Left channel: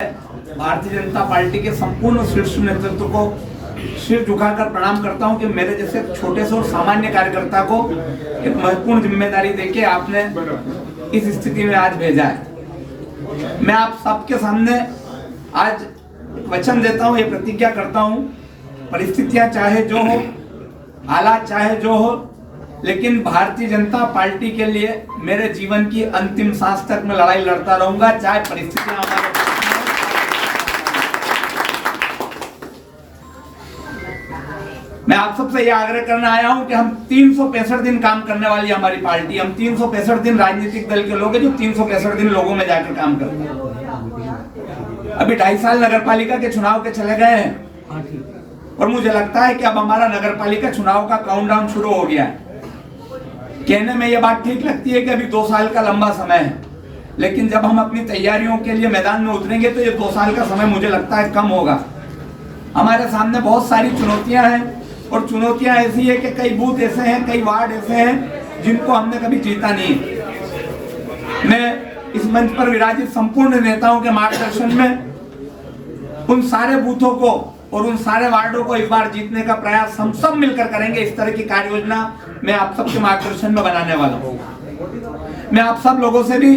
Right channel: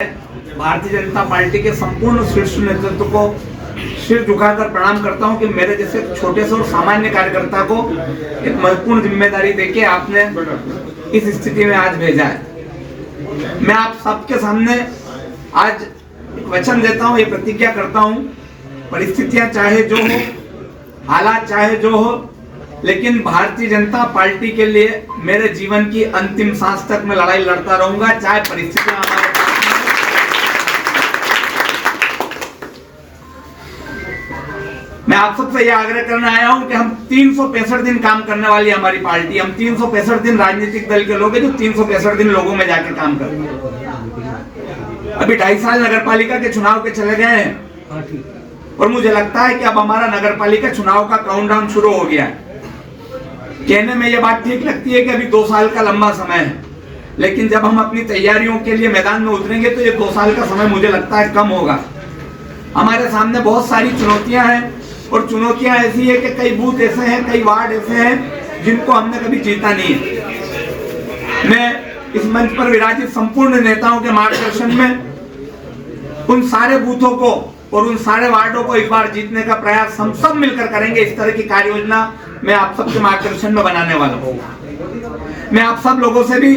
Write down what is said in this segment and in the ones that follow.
Bharatiya Janata party के संपूर्ण शीर्ष नेतृत्व को सिर झुकाकर प्रणाम करता हूं कि मेरे जैसे छोटे से और सामान्य कार्यकर्ता को एक महत्वपूर्ण जिम्मेदारी देके आपने इस स्थिति में आज भेजा है। मैं आप सबके सामने आज वचन देता हूं, ये प्रतिज्ञा करता हूं, परिस्थितियां चाहे जो हो, हालात चाहे जो हो, लेकिन भारतीय जनता पार्टी के लिए मेरे जीवन की अंतिम सांस तक मैं लड़ाई लड़ता रहूंगा, चाहे परिस्थितियां हमारे। मैं आप सबसे यह आग्रह करने आया हूं कि हम 365 दिन काम करने वाली हमारी पार्टी, हम 365 दिन राजनीतिक दल के लोग हैं जो 365 दिन लोगों में जाके काम करते हैं। अभी 2.5 साल नगर पालिका के चुनाव के चले गए हैं और मुझे लगता है कि अब हमारा नगर पालिका चुनाव का काउंटडाउन शुरू हो गया है। कहने में यह बात ठीक लगती है कि अभी 2 साल का लंबा समय है, लेकिन जब हम अपनी तैयारियों के लिए मैदान में उतरेंगे तो ये 2 साल का समय मुझे लगता है कम होगा। हमारे सामने बहुत सारी चुनौतियां हैं और चुनौतियां ऐसी है कि कई बूथ ऐसे हैं, कई वार्ड ऐसे हैं जिनको हमने कभी जीता नहीं है। मैं इस मंच पर विराजित संपूर्ण नेताओं के मार्गदर्शन में उन सारे बूथों को और उन सारे वार्डों को इस बार जीतने का प्रयास हम सब मिलकर करेंगे। इस तरह की कार्य योजना मैं आप सबके मार्गदर्शन में बनाने वाला हूं। मैं आप सब लोगों से भी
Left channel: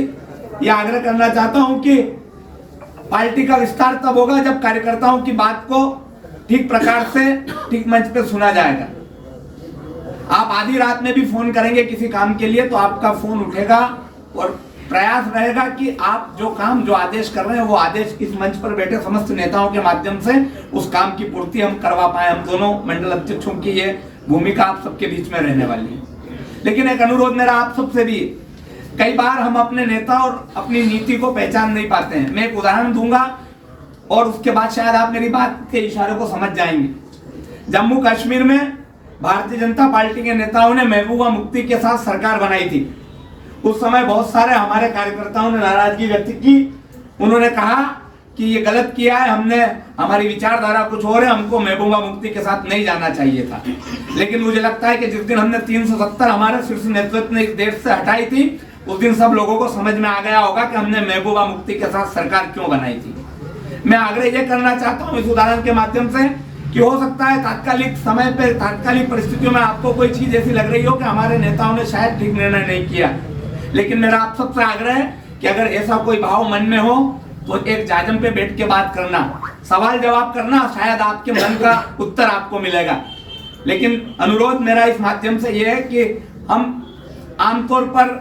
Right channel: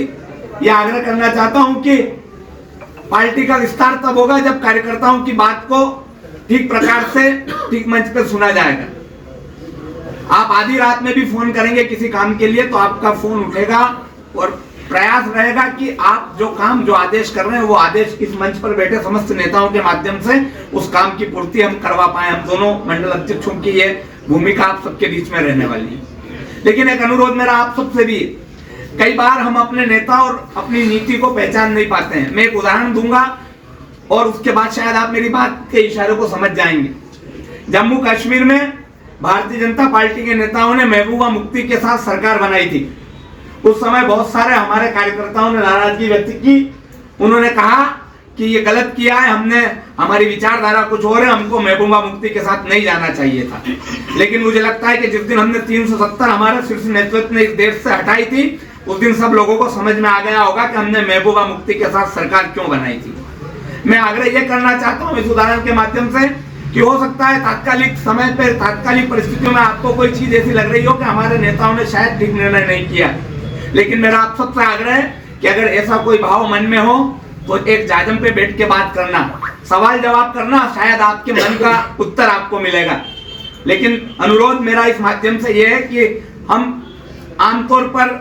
यह आग्रह करना चाहता हूं कि पार्टी का विस्तार तब होगा जब कार्यकर्ताओं की बात को ठीक प्रकार से ठीक मंच पर सुना जाएगा। आप आधी रात में भी फोन करेंगे किसी काम के लिए तो आपका फोन उठेगा और प्रयास रहेगा कि आप जो काम जो आदेश कर रहे हैं वो आदेश इस मंच पर बैठे समस्त नेताओं के माध्यम से उस काम की पूर्ति हम करवा पाए। हम दोनों मंडल अध्यक्षों की ये भूमिका आप सबके बीच में रहने वाली है। लेकिन एक अनुरोध मेरा आप सबसे भी, कई बार हम अपने नेता और अपनी नीति को पहचान नहीं पाते हैं। मैं एक उदाहरण दूंगा और उसके बाद शायद आप मेरी बात के इशारों को समझ जाएंगे। जम्मू कश्मीर में भारतीय जनता पार्टी के नेताओं ने महबूबा मुफ्ती के साथ सरकार बनाई थी। उस समय बहुत सारे हमारे कार्यकर्ताओं ने नाराजगी व्यक्त की। उन्होंने कहा कि ये गलत किया है, हमने हमारी विचारधारा कुछ और है, हमको महबूबा मुफ्ती के साथ नहीं जाना चाहिए था। लेकिन मुझे लगता है कि जिस दिन हमने 370 हमारे शीर्ष नेतृत्व ने इस देश से हटाई थी, उस दिन सब लोगों को समझ में आ गया होगा कि हमने महबूबा मुफ्ती के साथ सरकार क्यों बनाई थी। मैं आग्रह यह करना चाहता हूं इस उदाहरण के माध्यम से कि हो सकता है तात्कालिक समय पर, तात्कालिक परिस्थितियों में आपको कोई चीज ऐसी लग रही हो कि हमारे नेताओं ने शायद ठीक निर्णय नहीं किया, लेकिन मेरा आप सबसे आग्रह है कि अगर ऐसा कोई भाव मन में हो तो एक जाजम पे बैठ के बात करना, सवाल जवाब करना, शायद आपके मन का उत्तर आपको मिलेगा। लेकिन अनुरोध मेरा इस माध्यम से यह है कि हम आमतौर पर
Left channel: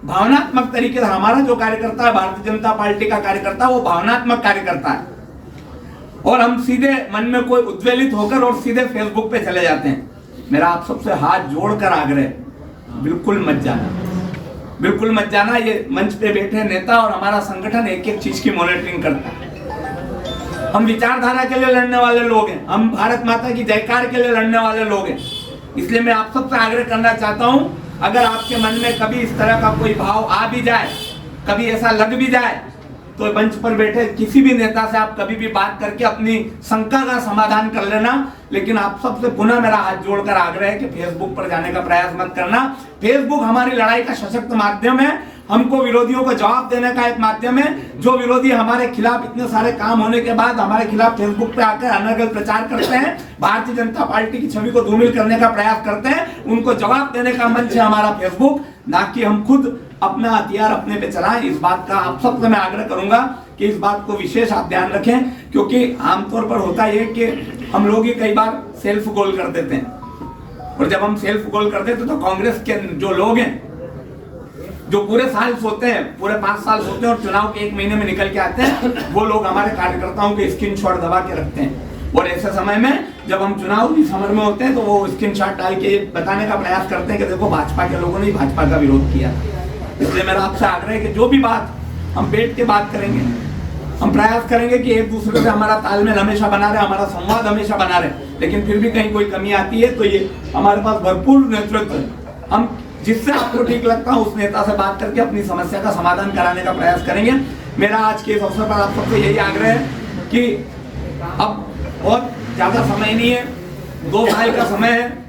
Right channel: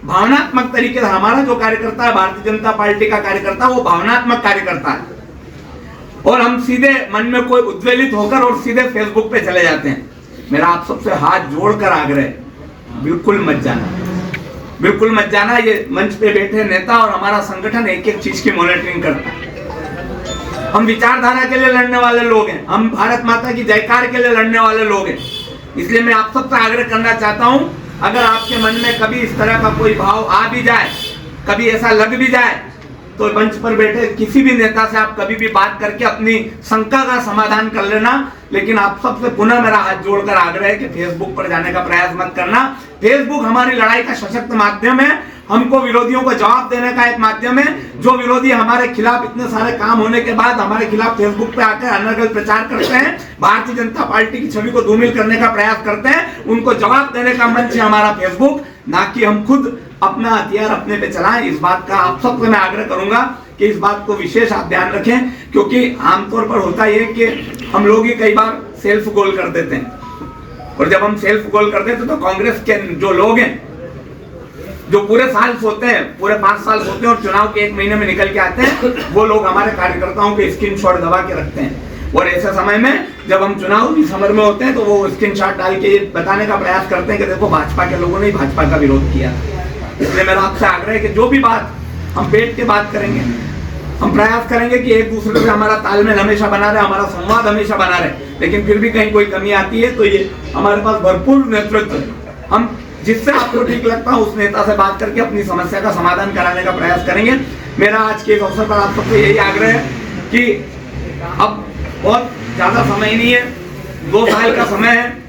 भावनात्मक तरीके से, हमारा जो कार्यकर्ता है भारतीय जनता पार्टी का कार्यकर्ता वो भावनात्मक कार्यकर्ता है और हम सीधे मन में कोई उद्वेलित होकर और सीधे फेसबुक पे चले जाते हैं। मेरा आप सबसे हाथ जोड़कर आग्रह है, बिल्कुल मत जाना, बिल्कुल मत जाना। ये मंच पे बैठे नेता और हमारा संगठन एक एक चीज की मॉनिटरिंग करता है। हम विचारधारा के लिए लड़ने वाले लोग हैं, हम भारत माता की जयकार के लिए लड़ने वाले लोग हैं। इसलिए मैं आप सबसे आग्रह करना चाहता हूं, अगर आपके मन में कभी इस तरह का कोई भाव आ भी जाए, कभी ऐसा लग भी जाए, तो मंच पर बैठे किसी भी नेता से आप कभी भी बात करके अपनी शंका का समाधान कर लेना। लेकिन आप सबसे पुनः मेरा हाथ जोड़कर आग्रह है कि फेसबुक पर जाने का प्रयास मत करना। फेसबुक हमारी लड़ाई का सशक्त माध्यम है, हमको विरोधियों को जवाब देने का एक माध्यम है। जो विरोधी हमारे खिलाफ इतने सारे काम होने के बाद हमारे खिलाफ फेसबुक पे आकर अनर्गल प्रचार करते हैं, भारतीय जनता पार्टी की छवि को धूमिल करने का प्रयास करते हैं, उनको जवाब देने का मंच है हमारा फेसबुक, ना कि हम खुद अपना हथियार अपने पे चलाएं। इस बात का आप सबसे मैं आग्रह करूंगा कि इस बात को विशेष आप ध्यान रखें, क्योंकि आमतौर पर होता यह है कि हम लोग ही कई बार सेल्फ गोल कर देते हैं और जब हम सेल्फ गोल कर देते तो कांग्रेस के जो लोग हैं जो पूरे साल सोते हैं, पूरे 5 साल सोते हैं और चुनाव के 1 महीने में निकल के आते हैं, वो लोग हमारे कार्यकर्ताओं के स्क्रीनशॉट दबा के रखते हैं और ऐसे समय में जब हम चुनाव समर में होते हैं तो वो स्क्रीनशॉट डाल के बताने का प्रयास करते हैं कि देखो भाजपा के लोगों ने भाजपा का विरोध किया। इसलिए मेरा आपसे आग्रह है कि जो भी बात हम बैठ के बात करेंगे, हम प्रयास करेंगे कि एक दूसरे से हमारा तालमेल हमेशा बना रहे, हमारा संवाद हमेशा बना रहे। लेकिन फिर भी कहीं कोई कमी आती है तो ये हमारे पास भरपूर नेतृत्व है, हम जिससे आपको ठीक लगता है उस नेता से बात करके अपनी समस्या का समाधान कराने का प्रयास करेंगे। मेरा आज के इस अवसर पर आप सबसे यही आग्रह है कि अब बहुत ज्यादा समय नहीं है, 2 साल का समय है।